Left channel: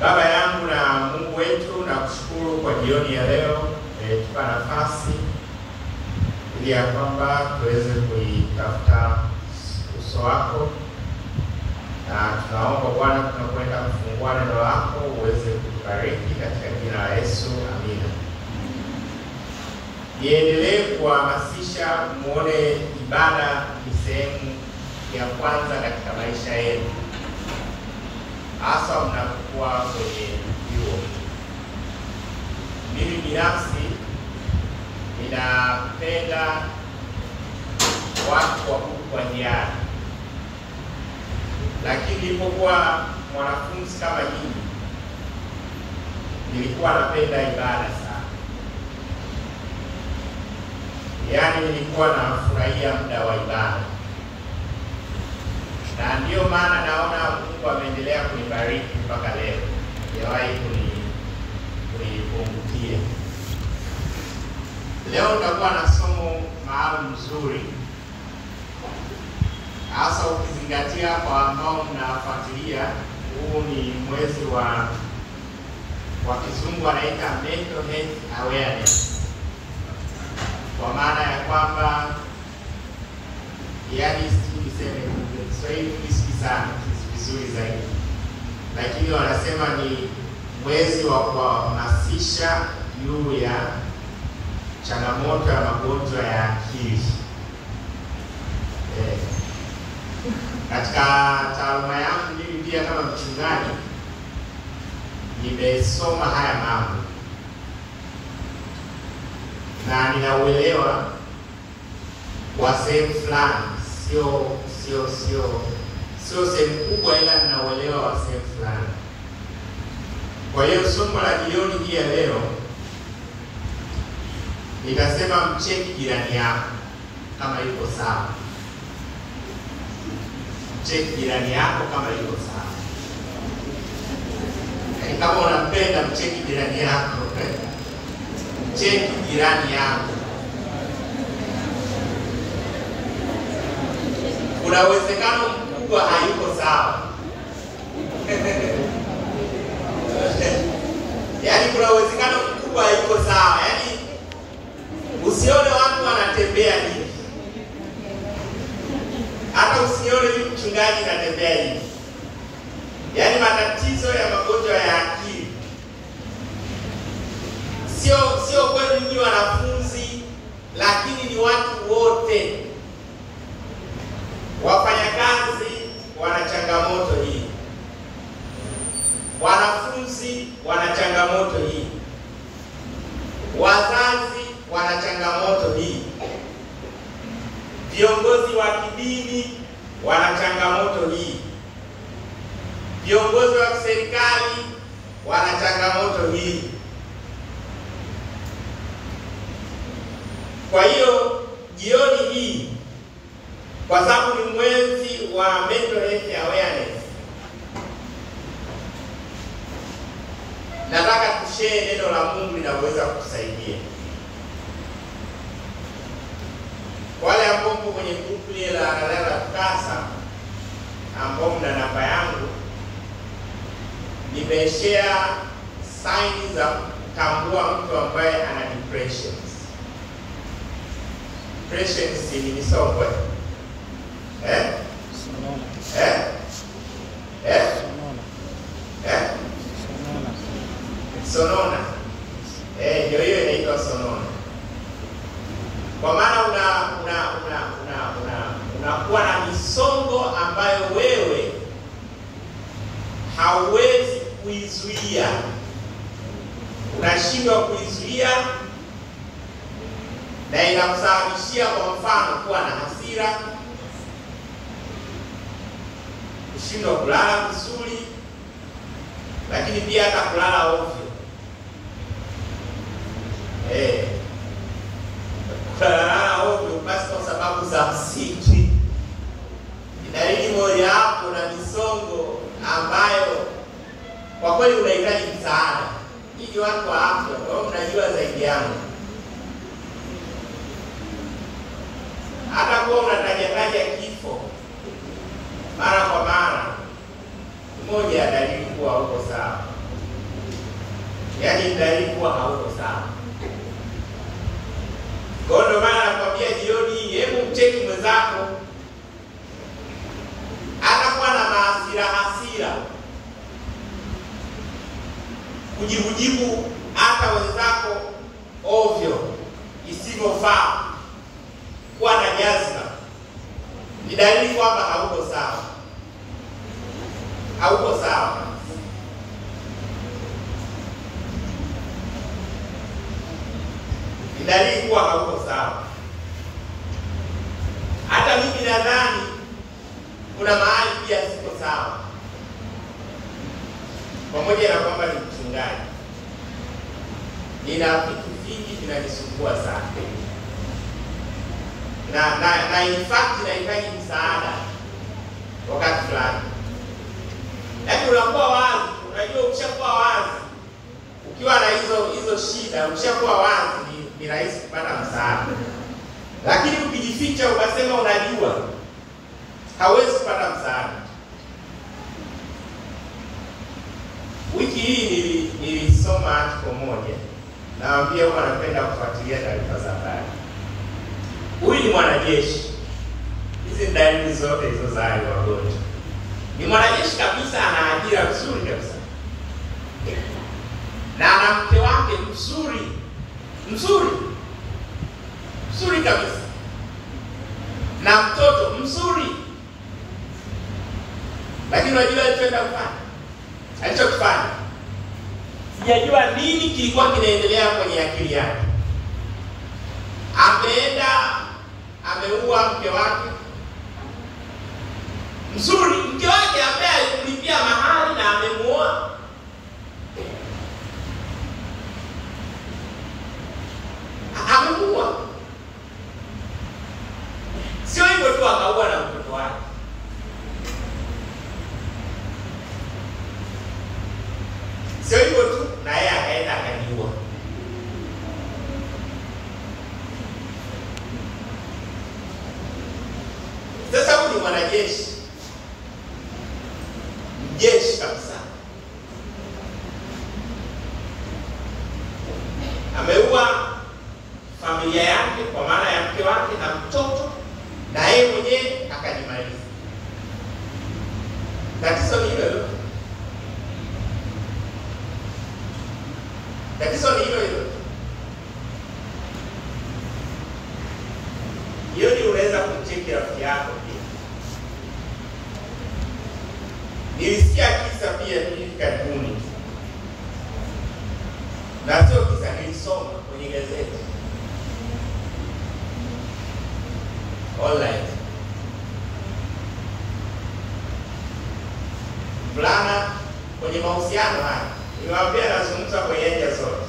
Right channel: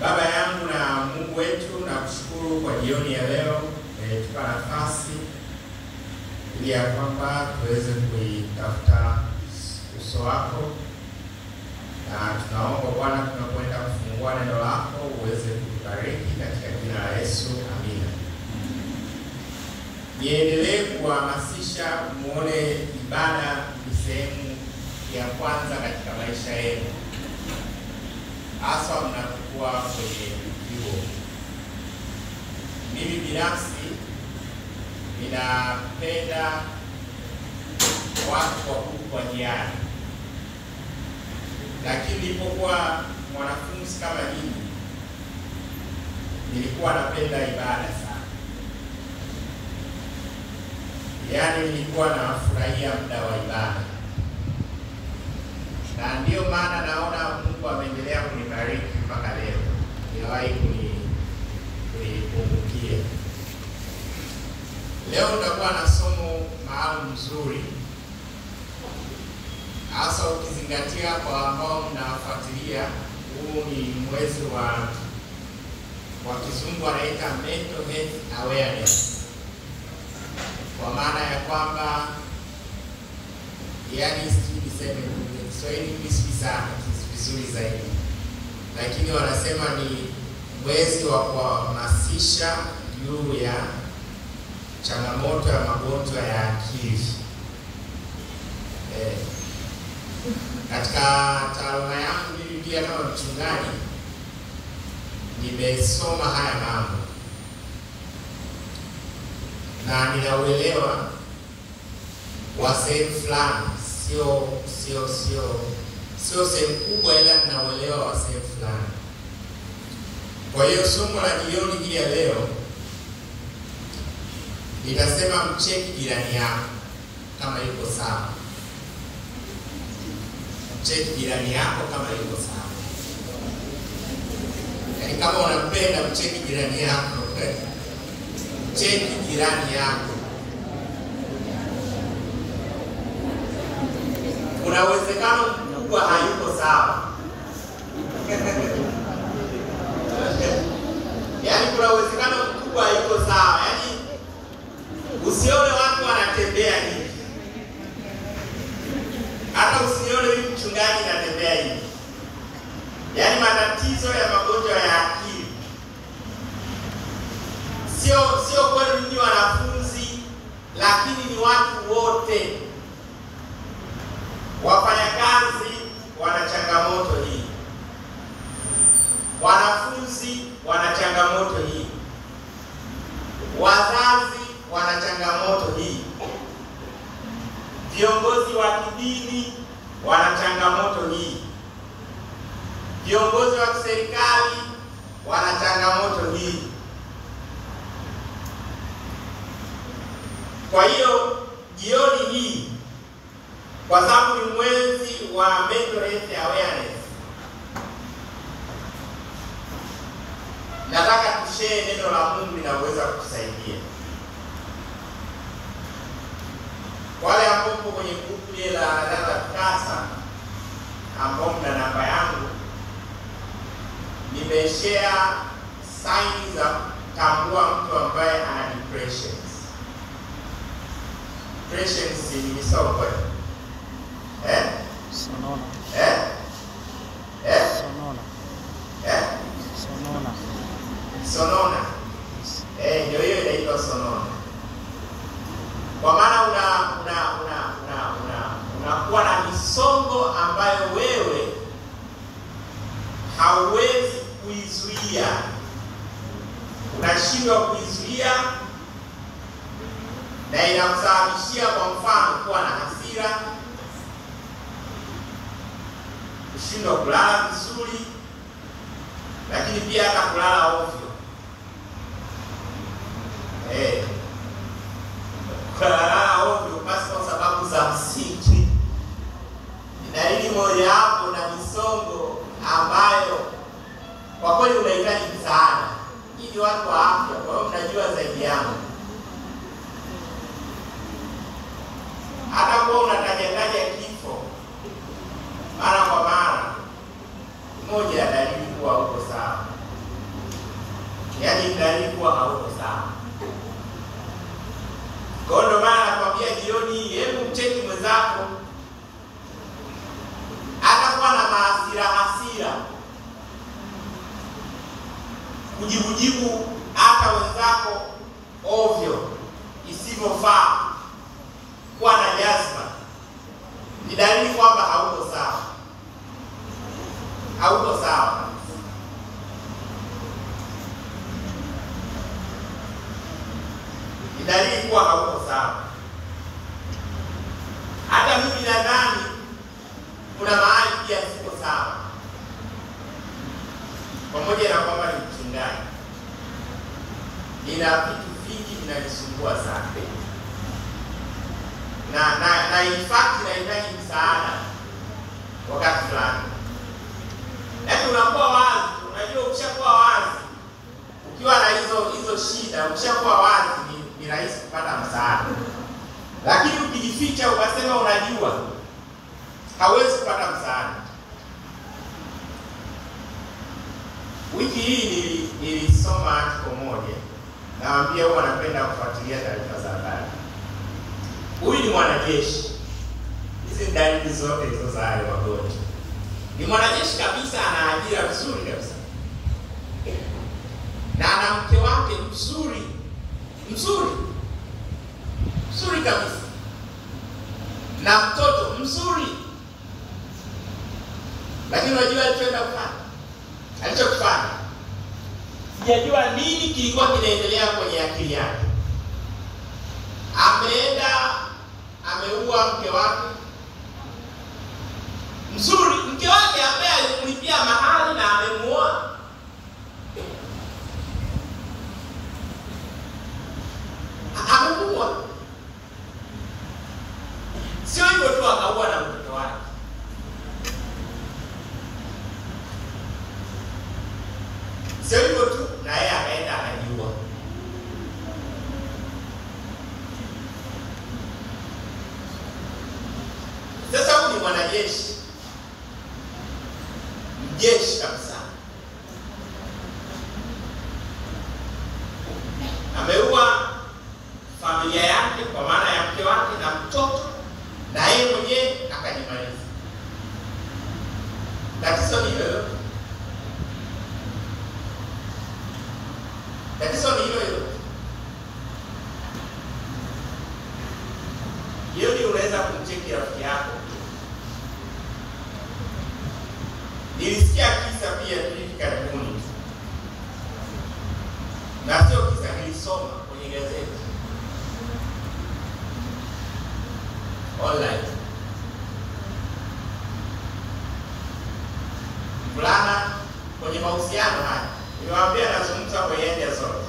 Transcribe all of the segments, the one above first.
Baba yangu na Mungu wetu, na kushukuru kwa jioni ya leo tupa nafasi ili ya kwamba tuweze kuitafuta uso wako, na tunaomba Bwana tunapoenda kufungua neno lako uweze kutubariki katika jina la Yesu, amina. Niendelee kuhamasisha muone ibada ni sehemu ya kwanza katika maisha yenu, hasa mnapokuwa kwenye vyuo. Mimi binafsi ninapenda watu wa kwa njiani, lakini nilipokuwa mwanafunzi kama nyinyi nilikuwa napenda ibada sana. Yaani nilikuwa nafurahia muda wa ibada, na ndio maana naona Mungu ameendelea kunibariki mpaka leo. Yawahi kunipungukia. Leo tutakuwa na somo maalum nzuri, hasa ukizingatia kwa ambao mnafuatilia, huu ni mwezi wa kizungu anaita mental health awareness. Kwa maana ya kwamba yani niseme Kiswahili kisipi sana vizuri zaidi, lakini wanasema ni mwezi wa kuhamasisha juu ya changamoto ya magonjwa ya akili. Katika taaluma yangu mimi pia kama mchungaji nimesoma haya mambo na ninauelewa wa sehemu fulani, sio sehemu kubwa, ila ninauelewa wa sehemu fulani. Kwa hiyo somo la jioni hii ya leo nitasema mcheki jirani yako kama yuko sawa. Mcheki jirani yako kama yuko sawa. Yaani kama unampenda mcheki jirani yako. Mcheki jirani yako. Kuna uwezekano mkubwa hayuko sawa. Yaani kuna uwezekano mkubwa hayuko sawa. Yaani usione watu wanatembea hivi. Hata usione huyu mchungaji anatembea hivi. Yaani matatizo ya magonjwa ya akili sio kwenu nyinyi wanafunzi, lakini ni watu wote. Wafanyakazi wana changamoto hii. Wanafunzi wana changamoto hii. Wazazi wana changamoto hii. Viongozi wa kidini wana changamoto hii. Viongozi wa serikali wana changamoto hii. Kwa hiyo jioni hii, kwa sababu ni mwezi wa mental health awareness, nataka tushare neno la Mungu linaweza kutusaidia. Wale ambao mko kwenye grupu ile la TUCASA ambao mna namba yangu, nimeshare signs za kutambua mtu ambaye ana depression. Depression ni misongo. Sonona. Sonona. Ndio hiyo inaitwa sonona. Kwa maana unakuwa na misongo ambayo wewe hauwezi kuizuia. Unashindwa kuizuia, na inakusababishia kwa mfano kuwa na hasira, kushindwa kulala vizuri, lakini pia hata kulala ovyo. Kulala ovyo basi kwa sababu za msingi. Dalili moja hapo na misongo ambayo kwa kweli unahitaji msaada. Hivi watu wa afya, kwa hiyo mnajua zaidi yangu. Hata kwa unataja kifo mara kwa mara, moja ya dalili kuwa uko sawa. yaani dalili kuwa hauko sawa. Kwa ndo maana nakwambia jioni, hebu mcheki mwenzako anakuwa na hasira, kujibu hata wenzako ovyo isivyofaa, kuwa na jazba, ni dalili kwamba hauko sawa. Hauko sawa. Ni dalili kuwa hauko sawa. Hata mimi nadhani kuna mahali pia siko sawa, pamoja na kwamba ni mchungaji, nina vitu vingi vinanisumbua sana, na in fact nahitaji msaada wakati fulani. Yaani unakuwa wazi, unajua ukishakuwa wazi, ukiwa na hizo shida, ukishakuwa wazi ni rahisi kupata msaada. Lakini ukijificha ukasema unajua, hawezi kupata msaada. Wiki hii nilisoma article moja, naambia huwa napenda kufuatilia taarifa za habari. Huyu ni mwanajeshi. Hizi dalili zote hizo za wagonjwa. Ni mwanajeshi kabisa, ana ajira nzuri kabisa. Na ana mke wake mzuri kabisa. Na mtoto mzuri. Lakini unajua alichokifanya. Sijajua nini kilikuwa kinaendelea kwenye akili yake. Ameua mke wake mzuri, mke wake ambaye alikulipia mahali na amemuoa. Amemuoa. Sio hivyo tu, akaua na mtoto wake. Sio hivyo tu, na yeye akaenda akajiua. Sasa huyu ni mwanajeshi, mjeshi kabisa, ameua familia yake kwa maana ya mke wake na mtoto, na yeye mwenyewe akajimaliza. Tatizo ni hilo. Hiyo ndio unaweza kumcheki rafiki yako. Nilisikia kisa pia hivi karibuni, na sio kisa, nilisoma kwenye gazeti online. Fulana kwenye mahusiano haya, niwaambia nazungumza kwenye anja zote.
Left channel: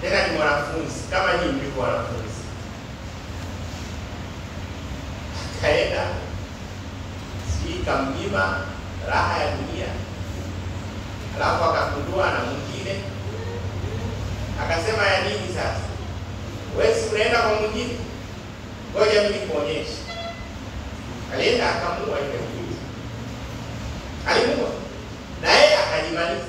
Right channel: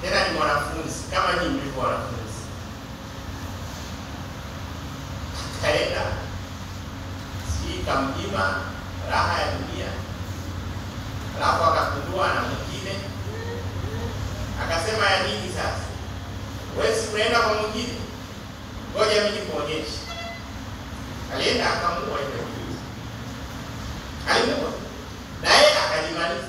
Tena ni mwanafunzi kama nyinyi mlivyo wanafunzi. Kaenda kamnyima raha ya dunia, alafu akakundua na mwingine, akasema ya nini sasa? Wewe si unaenda kwa mwingine, ngoja mimi nikuonyeshe. Alienda akamua ile kitu, alimua na yeye akajimaliza.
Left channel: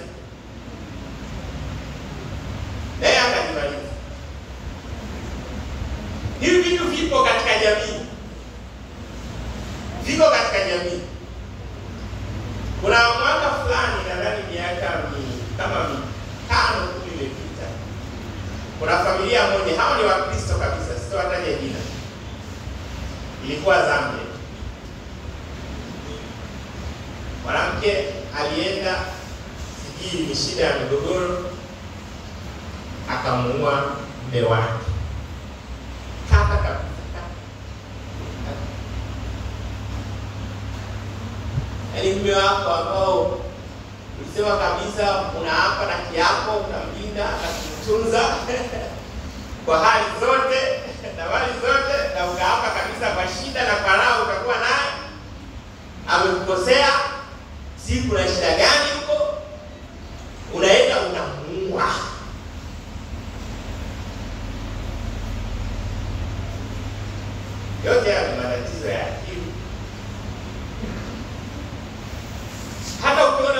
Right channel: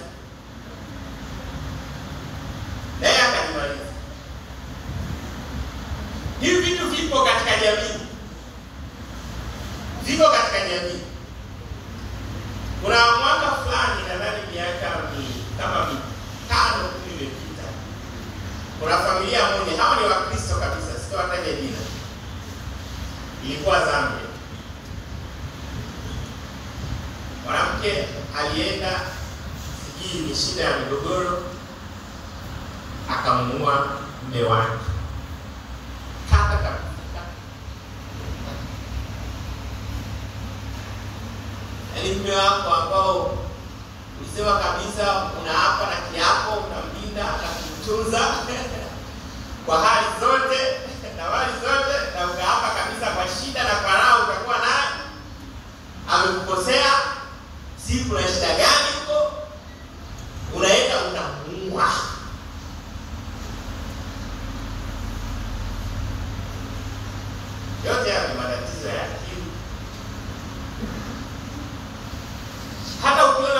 Hivi vitu vipo katika jamii. Jamii. Kuna mwaka fulani, nadhani miaka kama 5-10 imepita, kuna familia moja, hao ni Wakristo kabisa, sitawataja jina, ilikuwa Zambia. Mwanamke alienda, sijui ni shida ya migogoro, akamuua mume wake. Mume wako ambao ulisema kabisa unaapa na kiapo unamlinda na kumtunza kwa hali zote na mali zote, na ukaapa kabisa kwa shida na kwa raha utakuwa naye, amekukosea, si kuna shida gani huko, unaenda unamuua. Yote haya ni matatizo ya akili. Hata ukiona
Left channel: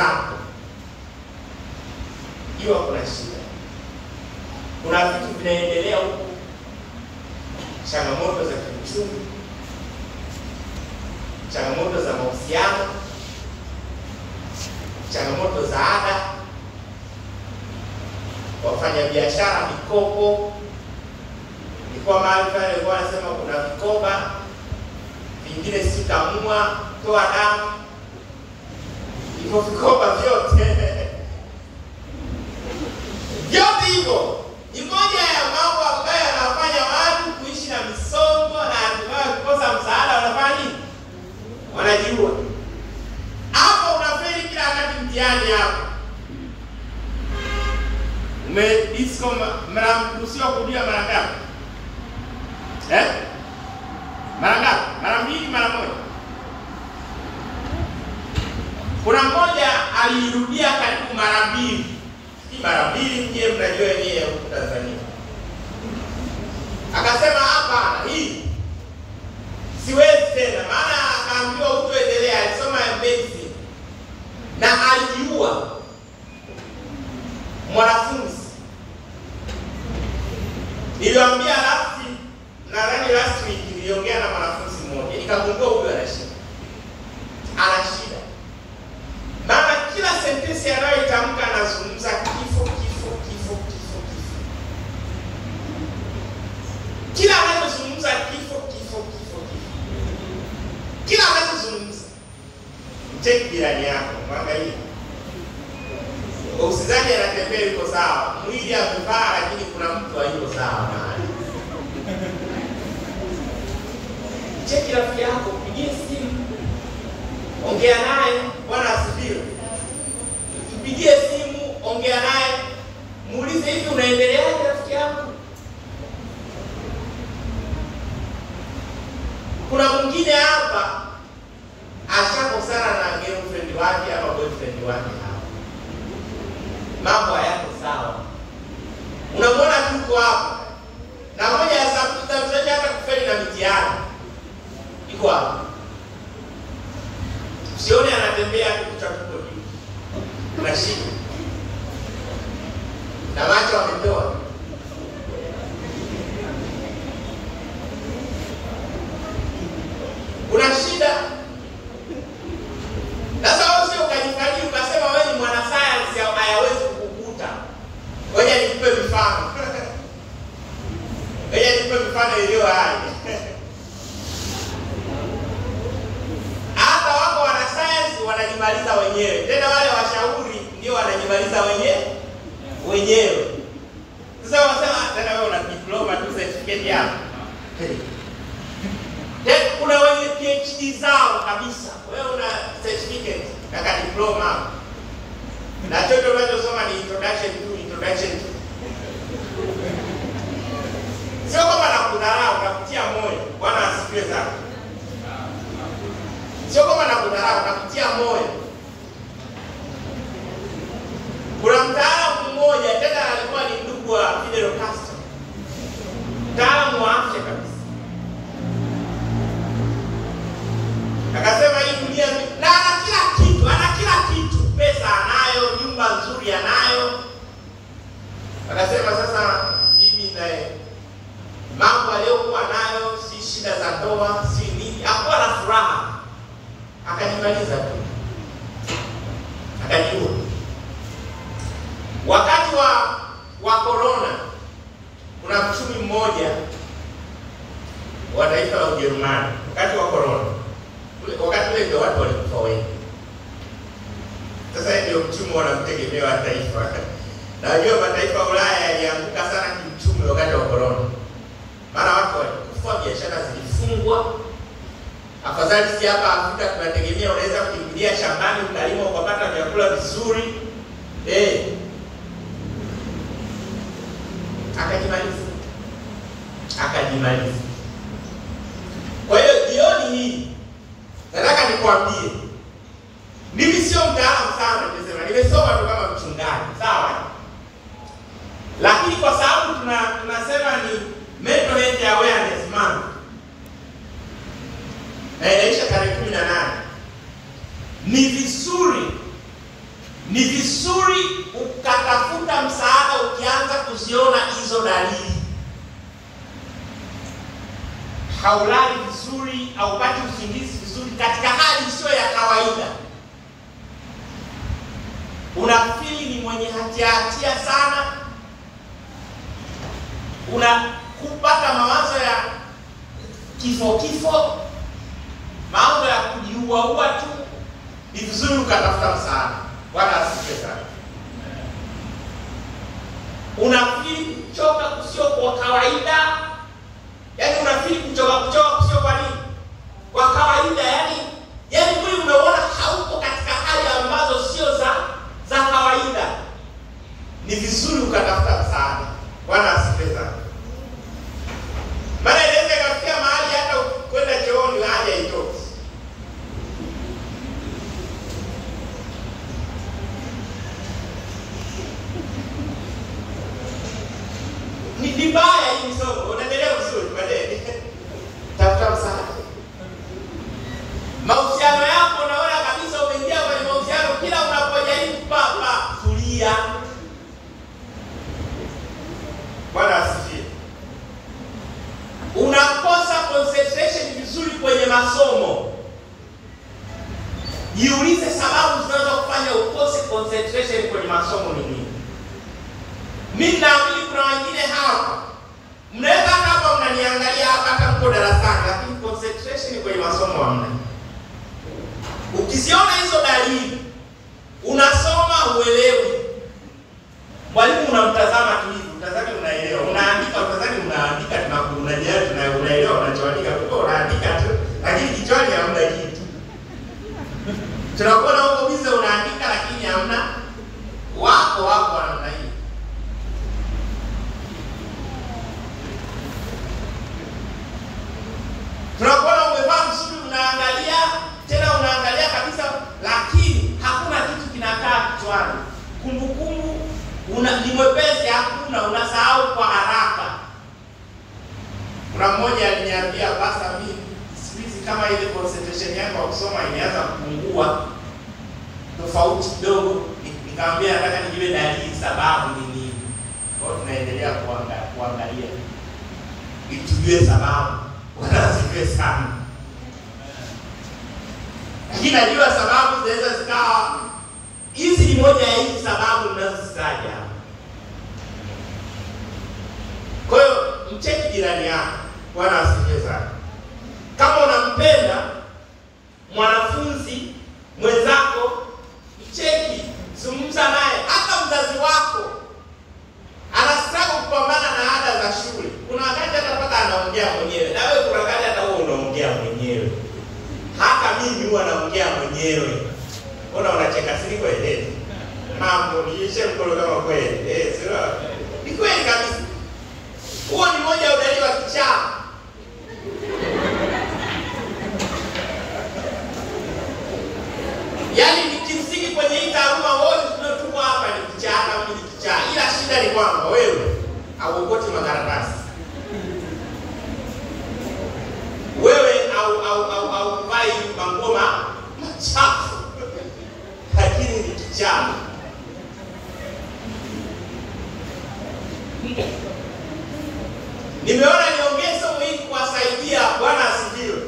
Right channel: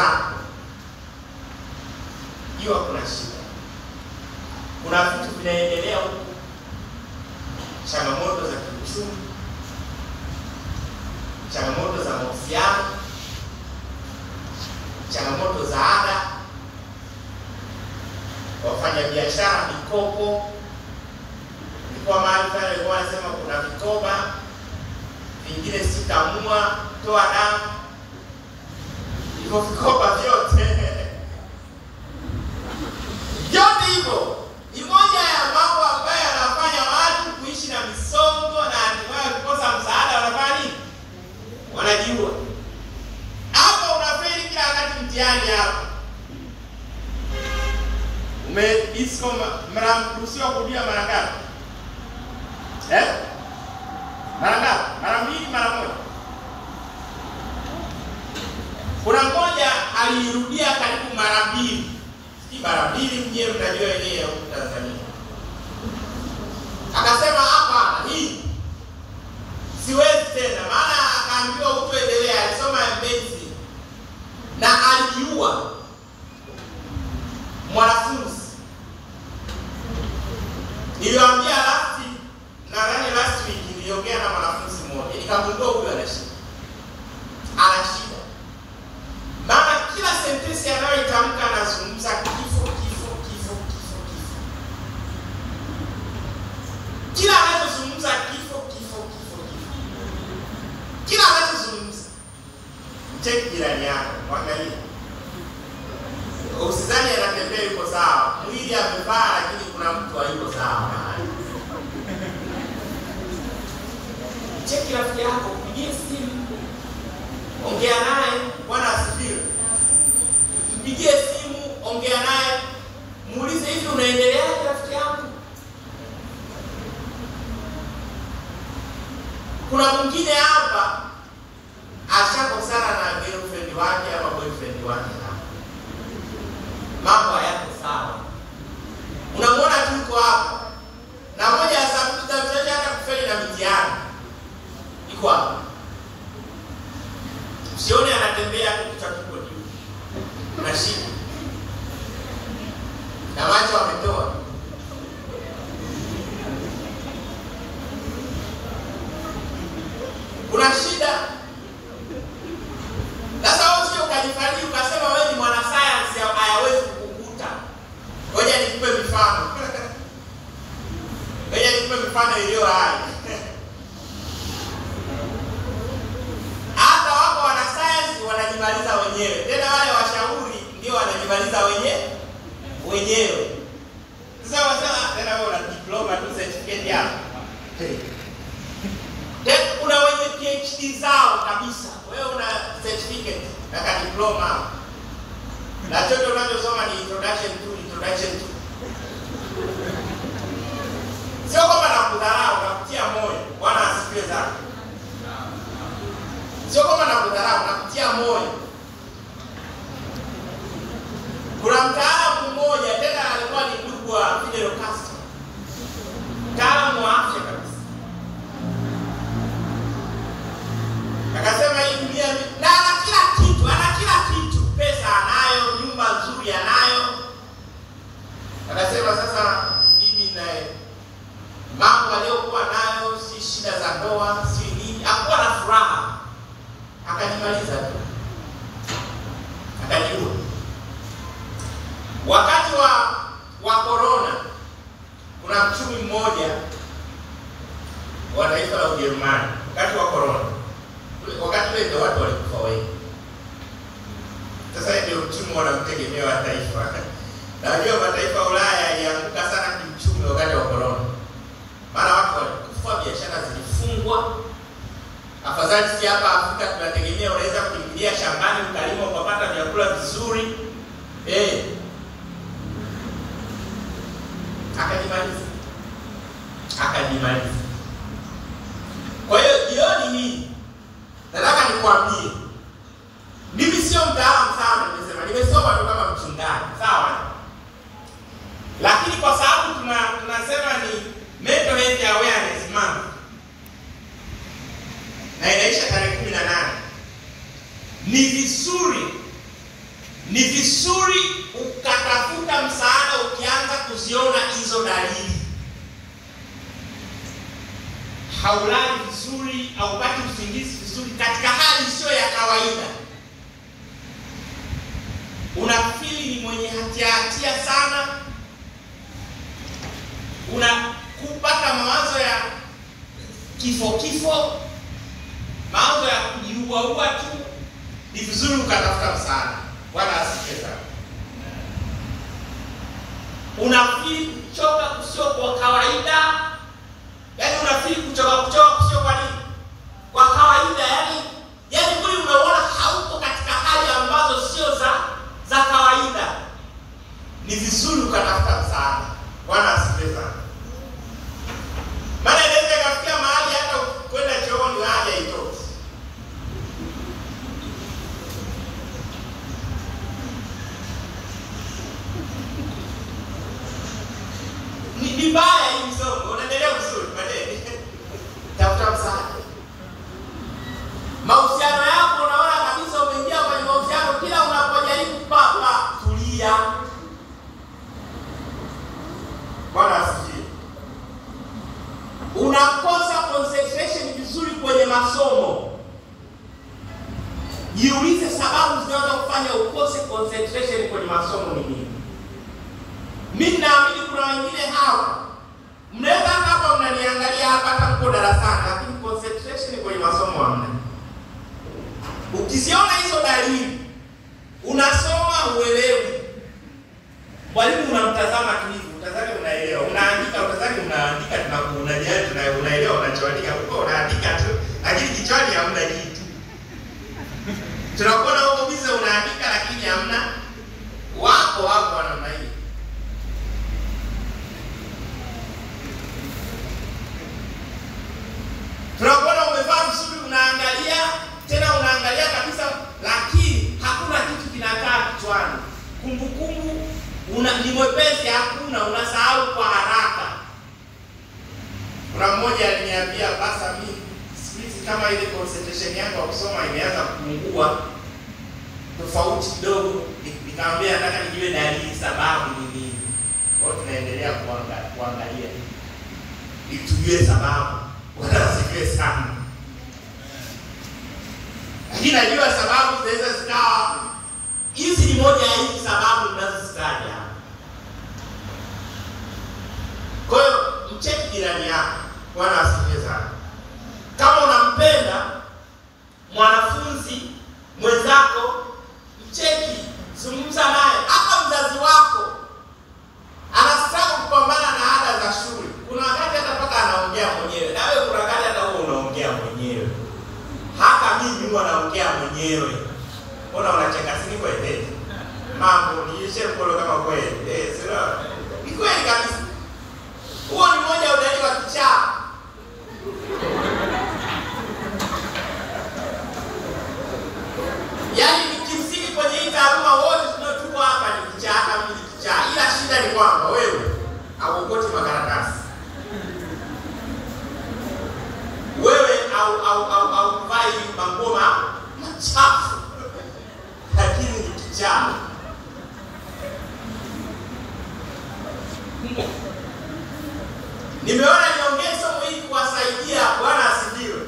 zako, jua kuna shida, kuna vitu vinaendelea huko, changamoto za kiuchumi, changamoto za mahusiano, changamoto za ada, wafanya biashara, mikopo. Nilikuwa mahali pale walikuwa wanasema kuna vikoba vingine sikamua toa damu, hivyo vikoba vyote vyote hivyo ni moja ya mambo ambayo yanafanya watu kuishi na misongo, na hatimaye kukosa msaada wanafanya nini? Wanajiua. Hapo unafeli kila wakati mtihani hapo. Disco mnaruhusiwa kurudia mara ngapi? Mara ngapi? Mara mbili, mara moja? Kuna mmoja alirudia karibu mara mbili. Si mara mbili, mje mnajua yenyewe huko Tanzania. Akasema hapa hii siwezi tena, maana akaambiwa utoendelea, alisoma medicine na alijiua mwanafunzi. Niliwaambia last week niliongea na mwanafunzi mmoja, nikagundua huyu ana shida. Ana shida. Maana kila sentensi anayoitamka anazungumza kifo. Kila anachozungumza kifo. Kila anachozungumza. Mcheki jirani yako, mwangalie. Usizani anatembea yuko sawa. Mwili amevaa lakini kuna mtu hayuko sawa naye. Cheki rafiki yako, pigie simu. Ongea naye, Bwana asifiwe. Mpigie simu, ongea naye. Muulize hivi unaendeleaje rafiki yako? Kuna mwingine hapa ashakosana na girlfriend wake ama boyfriend wake hapa. Mambo hayako sawa. Unamwona tu hapa. Na moja ya sababu tutamsaidia hata kufeli na mitihani. Iko hapa. Usione anatembea kuchakuko juu. Kuna shida. Na macho ametoa. Kuna shida. Sasa wewe usio ukajifanyia ukasema wewe ni mwana science hayawezi kukukuta. Ngoja nikupe mifano. Ngoja nikupe mifano iliyo hai. Hata wako wana science wanajimaliza wenyewe. Tena wale washauri ndio wanajimaliza wenyewe. Sasa wasema tena wewe una diploma tu certificate yako. Kuna wenye PhD zao kabisa. Wewe una certificate na diploma. Na chochote unachosoma ni introduction to. Sio kama nakudharau, nakutia moyo. Bwana asifiwe sana. Sio kama nakudharau, nakutia moyo. Kuna mtaalamu mmoja tena alikuwa ni ndugu wa Fidel Castro. Mtaalamu wa afya kabisa. Akasema hii dunia na ana kila kitu, pesa anayo, nyumba nzuri anayo. Akasema sasa bibi naye mambo aliyokuwa nayo, si shida za ndoa, si nini, hakuwa na furaha. Akajimaliza tu. Akajiua. Wakati wa corona kuna mchumi mmoja wa taifa la Ujerumani, wakati wa corona. Wakati ule ndio watu walikufa wengi. Sasa ndio mchumi wanamtegemea wa taifa. Na wajua mataifa ya Ulaya yalianguka sana kiuchumi wakati wa corona. Maana watu walikufa, biashara zilifungwa. Afadhali si hapa Afrika tunategemea unaweza kukimbilia shambani ukalima ukapata vyakula vizuri. Akajimaliza. Kwa hiyo jioni hii nataka nikwambie, mimi sio mtaalamu sana, nimesoma tu kama mchungaji, sawa? Lakini kwa sababu tunasema ni mental health awareness month. Na inaisha tarehe 18. Ni vizuri Ni vizuri ukatafuta msaada ukianza kuziona hizo dalili. Haulali vizuri, haupati usingizi vizuri katika hali sio ya kawaida. Unafili ni mwenye hatia sana. Unakupata mawazo ya kifo, mawazo ya kujiua tu. Ni vizuri ukatafuta msaada. Bwana asifiwe sana. Unafili kuchoka kusio kwa kawaida. Yaani unafili kuchoka kusio kwa nini? Kwa kawaida, yaani mwili umeona hauko katika hali ambazo sio za kawaida. Ni vizuri ukatafuta msaada. Bwana asifiwe sana. Maana inaweza ikafikia mahali hata kwenda chooni haja haitoki. Ni vibaya hii somo. Unaendelea vizuri baadaye. Tafuta msaada. Mahusiano yako unaona kabisa umeingia kwenye mahusiano, kila unapojaribu tulia. Bwana asifiwe. Unakosa concentration vizuri kwenye masomo. Jiulize sababu zinazokufanya ukose concentration kwenye masomo ni nini? Mimi naamini kuna wengine hapa mnaweza hapa mnaniangalia hata mko darasani, lakini concentration kwenye masomo hamna. Ukiziona hizo dalili, unasoma uelewi. Mwalimu unamtazama tu hivi, utazame unaelewa. Unaandika utazame unaandika, unaelewa unachoandika, unaandika tu, lakini kichwani hamna kitu. Tunakuona huko bize unaandika lakini hamna. Wako namna hii. Tunakuona umevaa vizuri, unaangalia, tena unaangalia kabisa, lakini hakuna kitu kinakaa kichwani. Kumbukumbu ni mwepesi, hakuna, unasahau kwa haraka. Kuna mmoja aliniambia, basa mimi siku kama ile concentration yangu ya kusoma imeanza kupungua tofauti kidogo. Nikamwambia nataka nijue dalili, sababu ni nini. Kwa tunaendelea kuangalia ili tujue sababu. Wanasifiwe sana. Lakini najua sababu zinaweza zikawa hizi ni moja ya hizi sababu ninazozitaja. Kwa hiyo mcheki jirani yako. Bwana asifiwe sana. Kama unampenda mwanafunzi mwenzako, mcheki, zungumza naye. Hata mzazi wako anastaka kupambana na ada za shule. Kuna wakati hata mpaka anaongea mwenyewe. Na wewe kuna wakati hata wewe unaongea mwenyewe. Hata mimi huwa naongea mwenyewe. Mbona unacheka sisi kweli? Mambo ni yeshe mkono kama kweli. Sio. Ni kweli kabisa. Huo ni moja ya udalili wa kichaa. Yaani kimsingi kwenye hii taaluma wote tunaotuko hapa ni kichaa, hata mimi ni kichaa. Ila shida ni kwamba wewe hauokoti makaratasi. Wewe au vai mangoma machafu. Lakini ni kichaa. Nimeona niongee somo hili kuwasaidia. Bwana asifiwe.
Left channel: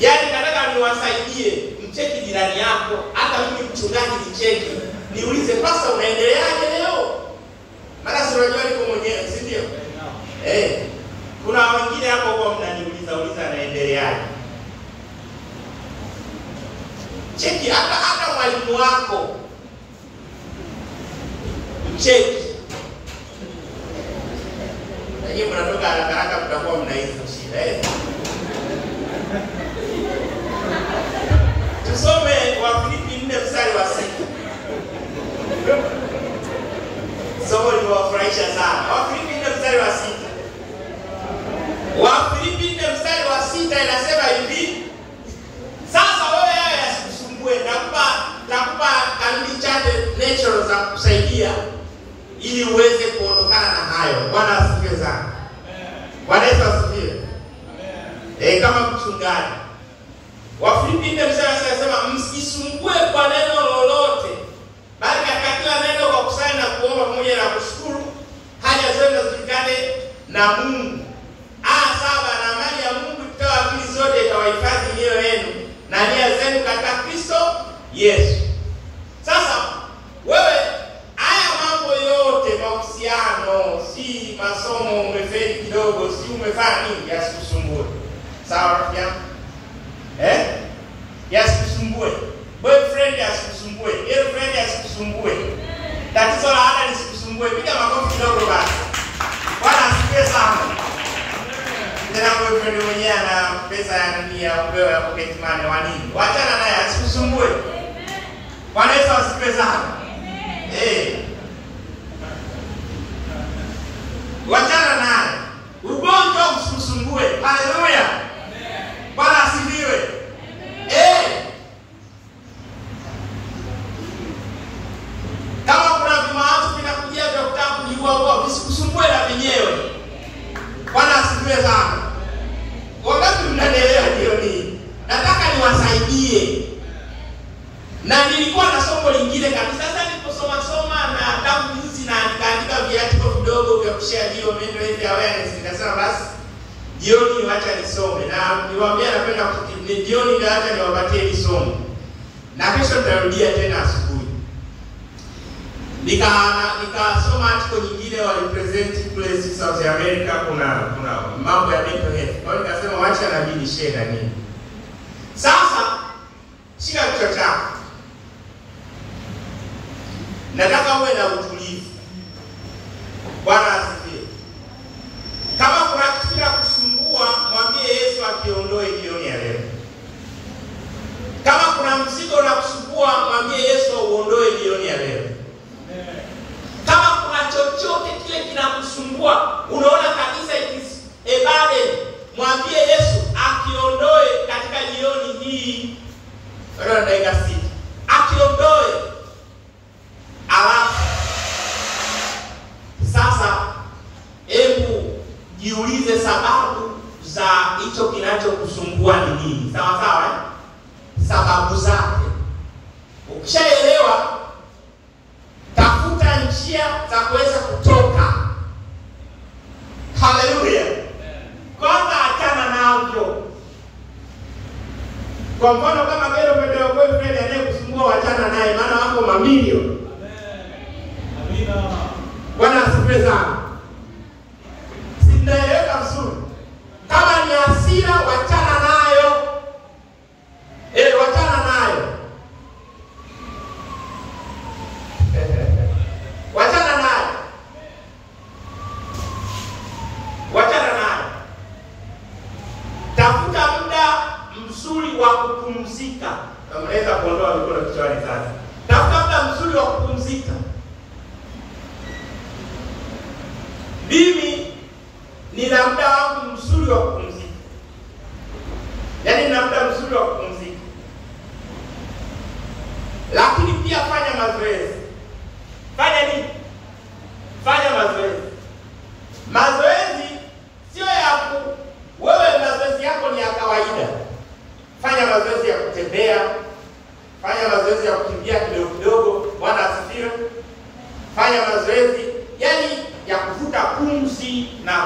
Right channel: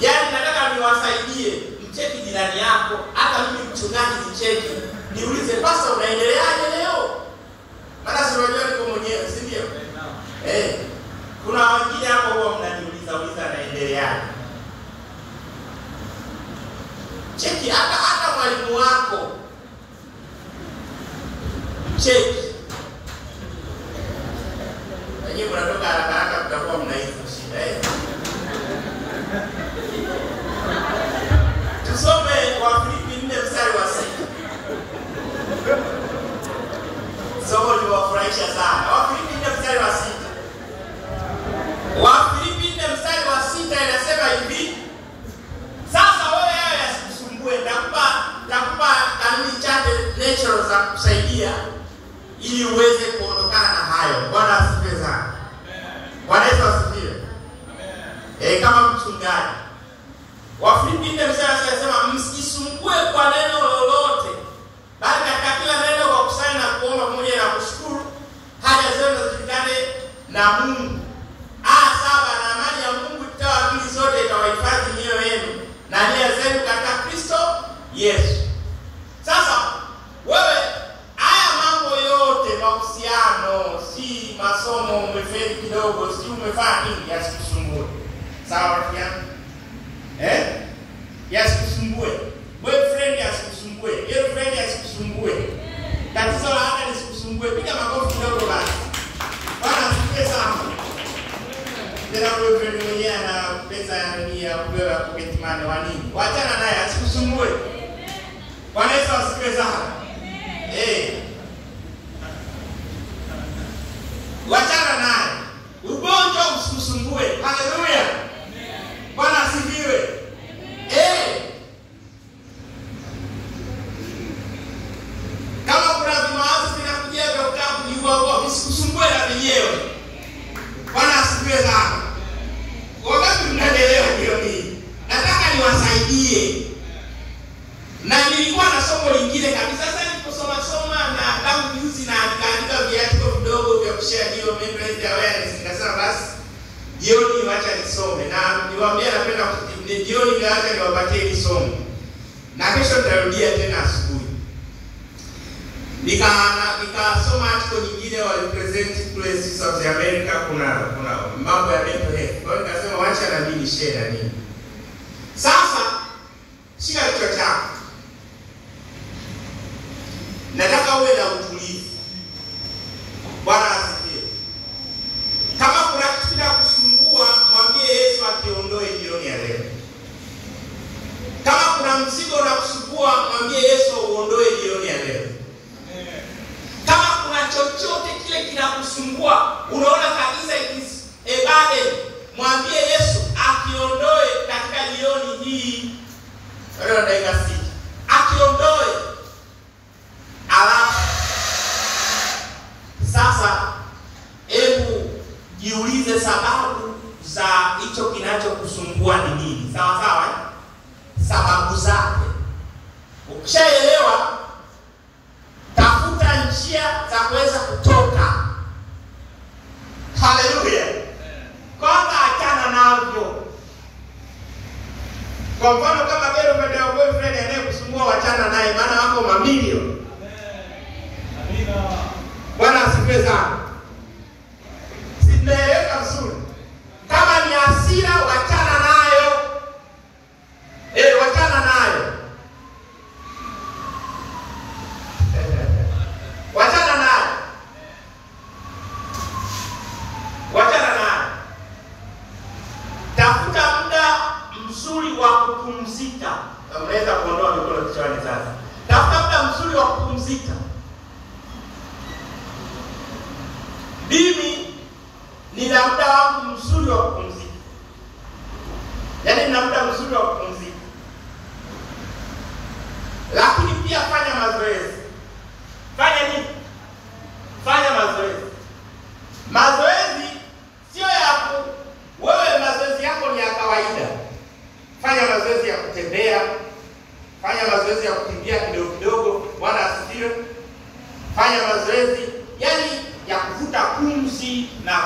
Yaani nataka niwasaidie. Mcheki jirani yako, hata mimi mchungaji nicheki. Niulize pasta unaendeleaje leo? Maana si unajua niko mwenyewe, si ndio? Kuna wengine hapo huwa mnaniuliza naendeleaje. Cheki hata mwalimu wako. Mcheki. Lakini mnatoka haraka mtakuwa mnaiza shida. Tusome Wafilipi 4 mstari wa 6. Somo liwafurahisha sana. Wafilipi 4 mstari wa 6. Wafilipi 4 mstari wa 6 inasema hivi. Sasa wewe yasikusumbue, nakupa kanuni chache natural za kusaidia ili uweze kuondokana na hayo. Bwana asifiwe sana. Bwana Yesu asifiwe. Kama mchungaji. Wafilipi 4 mstari anasema msisumbue kwa neno lolote, kila neno kwa kusali na kuomba pamoja na kushukuru, haja zenu zijulikane na Mungu. 7, na amani ya Mungu itoayo akili zote itawahifadhi mioyo yenu na nia zenu katika Kristo Yesu. Sasa wewe haya mambo yote, mahusiano, si masomo, umefeli kidogo, si umefanya nini, yasikusumbue. Sawa rafiki yangu? Yasikusumbue. Boyfriend yasikusumbue, girlfriend yasikusumbue. Tatizo la ada lisikusumbue. Piga makofi kidogo basi. Bwana asifiwe sana. Tena boyfriend mwenyewe ana pesa ya nini ya kupewa ya pocket money wa nini? Waachana naye, asikusumbue. Bwana Yesu asifiwe sana. Wachana naye. Ugonjwa usikusumbue. Haleluya. Bwana asifiwe. Kama kuna vimawazo vinakujia vya kutaka kujiua, visikusumbue na vyenyewe. Bwana asifiwe sana. Wakati mnaelewa jioni, nataka niwasaidie. Na nilikuwa na somo lingine kabisa. Sasa niliposoma na tangu juzi na nikaandika viatu vidogo vya kushare hiyo mental awareness, nikasema basi jioni wacha nisome. Na niwaambia napenda ni jioni ndio acha niwapatie hili somo. Na kesho nitarudia tena asubuhi. Nikasoma article nyingine wa representative places South America, kuna mambo ya mental health. Kwa hiyo nikasema wacha na mimi share na nini. Sasa shika kichwa chako. Nataka uwe na utulivu. Bwana asifiwe. Kama kuna kitu kinakusumbua, mwambie Yesu akiondoe jioni ya leo. Kama kuna mzigo unakusumbua, mwambie Yesu uondoe jioni ya leo. Kama kuna chochote kile kinakusumbua, unaona kabisa it is a burden, mwambie Yesu akiondoe katika jioni hii. Bado dakika 6. Akiondoe. Alafu sasa hebu jiulize sababu za hicho kinachokusumbua ni nini. Sawa sawa? Sababu zake. Ukishaelewa, tafuta njia za kuweza kutoka. Haleluya. Kwanza achana navyo. Kwa mfano kama girlfriend au boyfriend anayekusumbua, wachana naye, maana wako mamilioni. Amina. Bwana asifiwe sana. Sinaeleweka vizuri. Kama ni hasira, wachana nayo. Wachana nayo. Wachana nayo. Wachana nayo. Tafuta muda mzuri wa kupumzika. Unaweza kuondoa mikono kichwani sasa. Tafuta muda mzuri wa kupumzika. Mimi nina muda wangu mzuri wa kupumzika. Yaani nina muda mzuri wa kupumzika. Lakini pia fanya mazoezi. Fanya nini? Fanya mazoezi. Mazoezi sio yako wewe, mazoezi yako ni ya kawaida. Fanya mazoezi ya kutembea. Fanya mazoezi ya kukimbia kidogo kidogo. Bwana asifiwe. Fanya mazoezi yani ya kuvuta pumzi na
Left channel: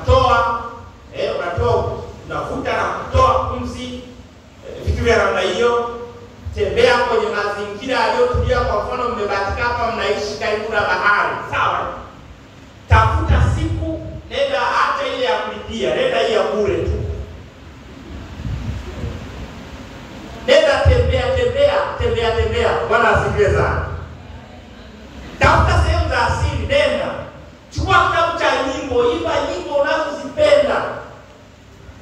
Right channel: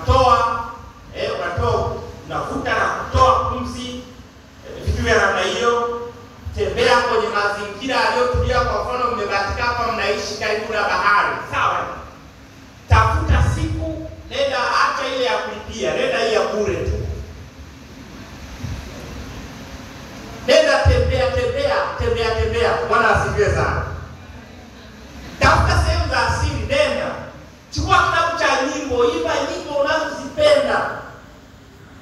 kutoa. Unatoa, unavuta na kutoa pumzi. Vitu vya namna hiyo. Tembea kwenye mazingira yaliyotulia. Kwa mfano mmebatika hapa, mnaishi karibu na bahari. Sawa? Tafuta siku, nenda hata ile ya kulipia, nenda hii ya bure tu. Nenda tembea. Bwana asifiwe sana. Tafuta sehemu za asili, nenda. Chukua kitabu cha nyimbo, imba nyimbo unazozipenda.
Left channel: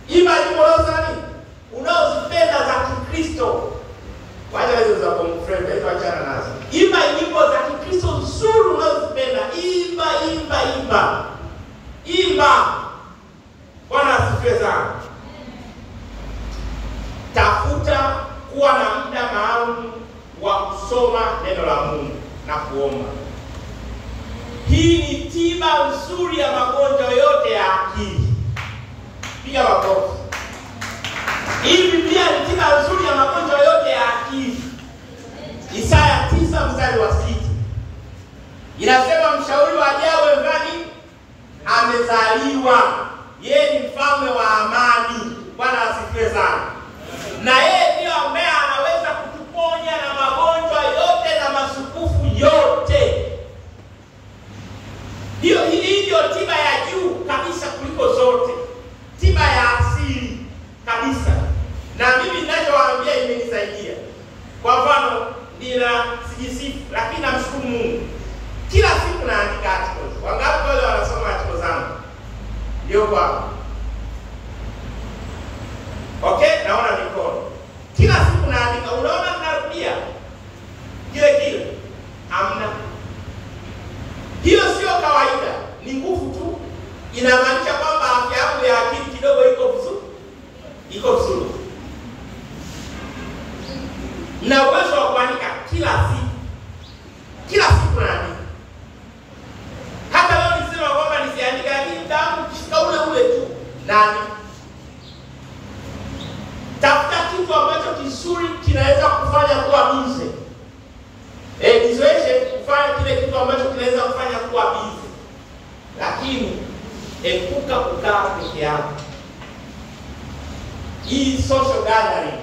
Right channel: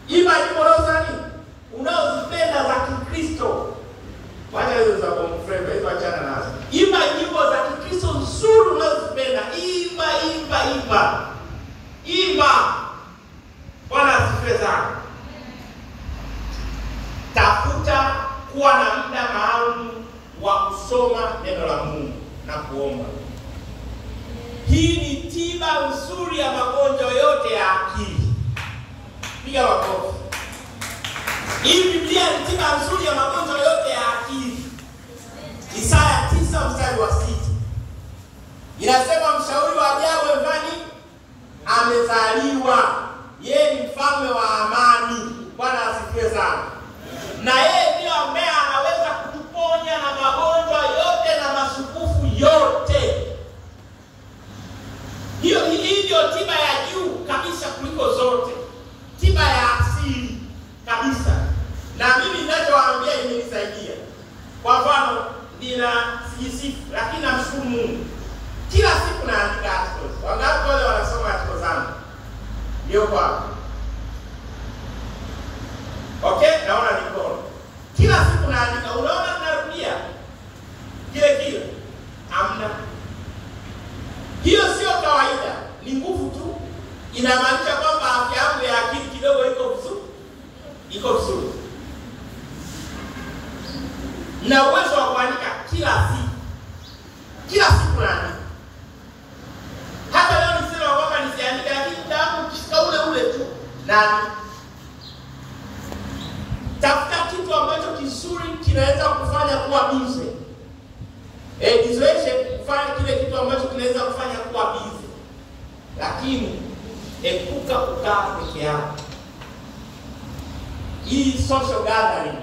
Imba nyimbo unazozipenda za Kikristo. Wacha hizo za kumfremba, hizo achana nazo. Imba nyimbo za Kikristo nzuri unazozipenda. Imba. Bwana asifiwe sana. Tafuta kuwa na muda maalum wa kusoma neno la Mungu na kuomba. Hii ni tiba nzuri ya magonjwa yote ya akili. Piga makofi. Hii Biblia ni tiba nzuri ya magonjwa yote ya akili. Isaya 9 mstari wa 6. Inasema mshauri wa ajabu nani? Amezaliwa. Yeye ni mfalme wa amani. Bwana asifiwe sana. Na yeye ndio ambaye anaweza kutuponya na magonjwa yote na masukufu yote. Hiyo ndio tiba ya juu kabisa kuliko zote. Tiba ya asili kabisa. Na mimi ninachowaambia imenisaidia. Kwa mfano, sijisifu lakini namshukuru Mungu. Kila siku naandika articles. Wangapi wale wanasoma articles zangu? Ndio kwa. Okay, naona mikono. Kila siku naandika, unaona narudia. Kile. Amna. Hiyo sio kawaida, ni nguvu tu. Inamaanisha kwamba afya yangu ya akili kidogo iko vizuri. Na uwezo wa kuandika kila siku naandika. Hata leo nisema kwamba nisiandika, lakini tangu kifika ule tu naandika. Tafuta kitu ambacho kizuri kinaweza kufanya kuwa busy. Nizoeshe kufanya kile kitu ambacho kinaweza kufanya kuwa busy. Lakini epuka kukaa peke yako. Hii social gathering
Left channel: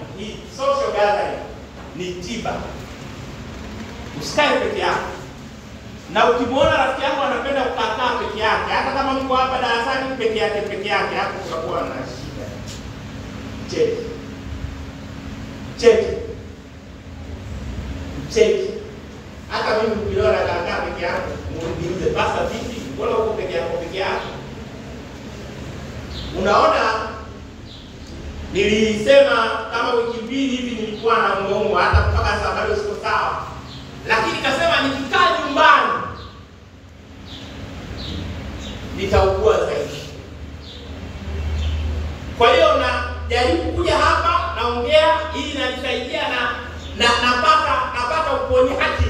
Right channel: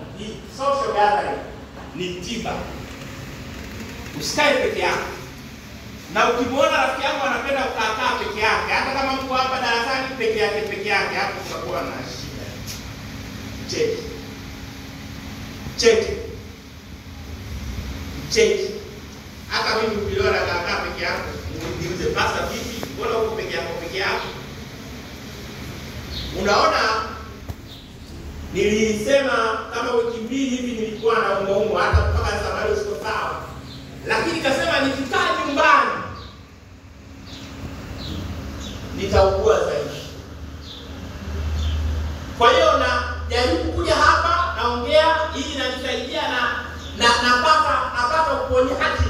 ni tiba. Usikae peke yako. Na ukimwona rafiki yako anapenda kukaa peke yake, hata kama mko hapa darasani peke yake, hapo utakuwa na shida. Cheki. Hata mimi niliona kaka peke yangu, niulize pasa vipi? Mbona uko peke yako? Unaona, nilisema kama wiki mbili hivi nilikuwa na mgongo hata mpaka sasa bado siko sawa. Lakini kasema nikikaa nyumbani nitaugua zaidi. Kwa hiyo na jaribu kuja hapa naongea ili inanisaidia na napata uponyaji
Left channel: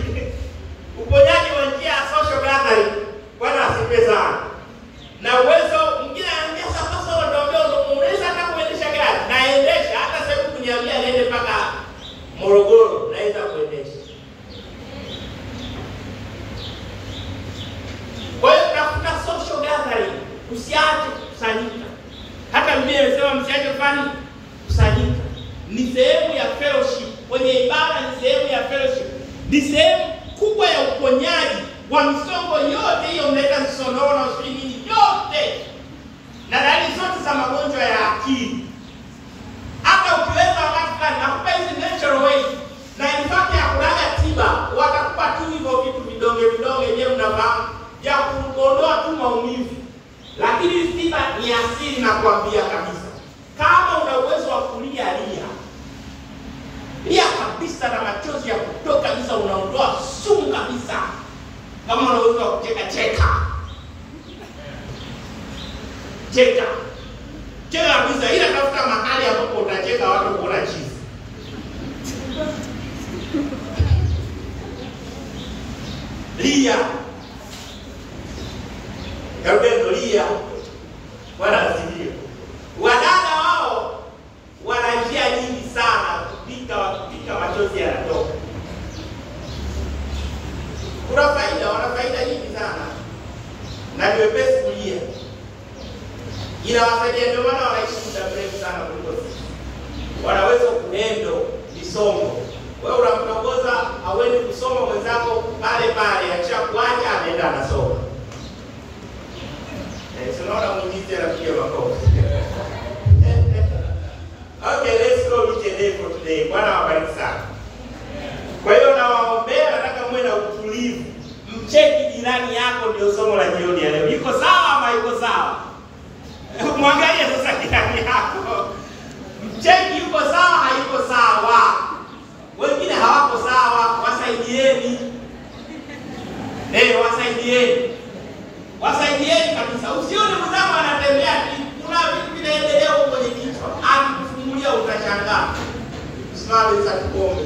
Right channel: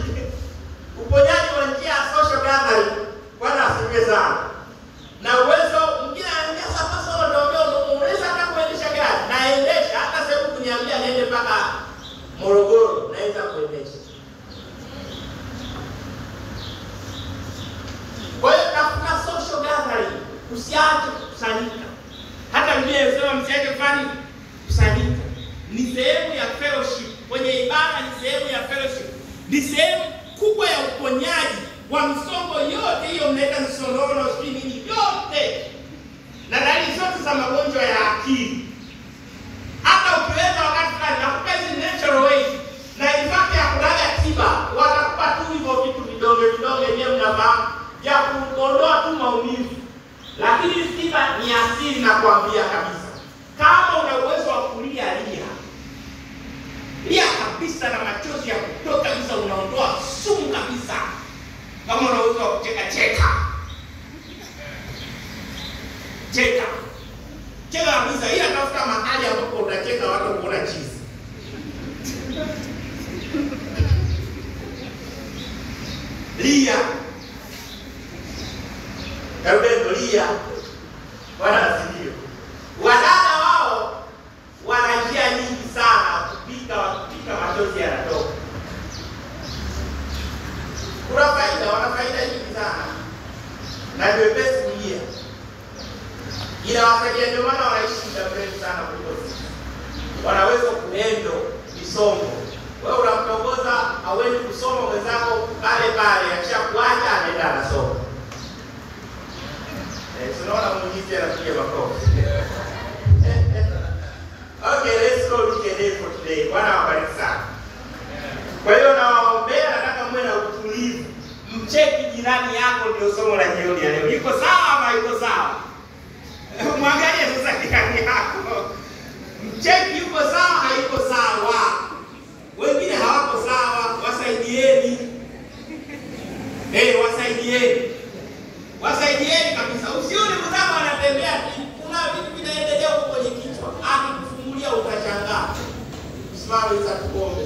wa njia ya social gathering. Bwana asifiwe sana. Na uwezo mwingine anaambia sasa ndio unaweza hata kuendesha gari. Naendesha hata sasa kuniambia niende mpaka Morogoro naweza kuendesha. Kwa hiyo tafuta social gathering, usiache kukusanyika. Hata Biblia inasema msiache kusanyika. Ni sehemu ya fellowship. Kwenye ibada ni sehemu ya fellowship. Ni sehemu kubwa ya uponyaji wa misongo yote hiyo mnaita misonona, nini yote. Na dalili zote za magonjwa ya akili. Hata ukiweza wakati fulani nakupa hizi natural ways na ifate ya kulaga tiba, watakupa tu hivyo vitu vidonge nyewe mnafahamu ya kuondoa tu maumivu. Lakini tiba ni asili na kuambia kabisa. Kama una uwezo wa kulia lia kabisa na machozi ya kutoka kabisa, unaondoa sumu kabisa. Kama una uwezo wa kucheka kabisa, ila tafuta mahali ambapo unacheka watu kuona chizi. Lia. Karibendo lia. Bwana asifiwe. Wadada wao wana njia nyingi sana kupika machozi yanatoka. Wana faida nyingi sana. Na ndio best kulia. Ila wasaidia ndio maana wanaishi muda mrefu sana kuliko sisi. Wanaweza kuendo misongo. Wewe unamtongoza hauendi kusoma, mwenzako pale akishakuacha anaenda anasoma. Tunaona muujiza anapiga makofi. Okay, let's go with the day for today. Bwana wabariki sana. Kwa hiyo nawaombea, nataka muwe na utulivu. Mcheki jirani yako, ndio somo la jioni ya leo. Yuko sawa ama yuko sawa? Mwangalie sasa jirani yako. Mcheki yuko sawa, hayuko sawa. Wengine hawako sawa, wasaidieni. Wasaidieni kabisa. Usione mzamo anatembea, kuna vitu vinaendelea huko kwenye kichwa. Akikufungulia utashangaa. Simama sasa tuombe.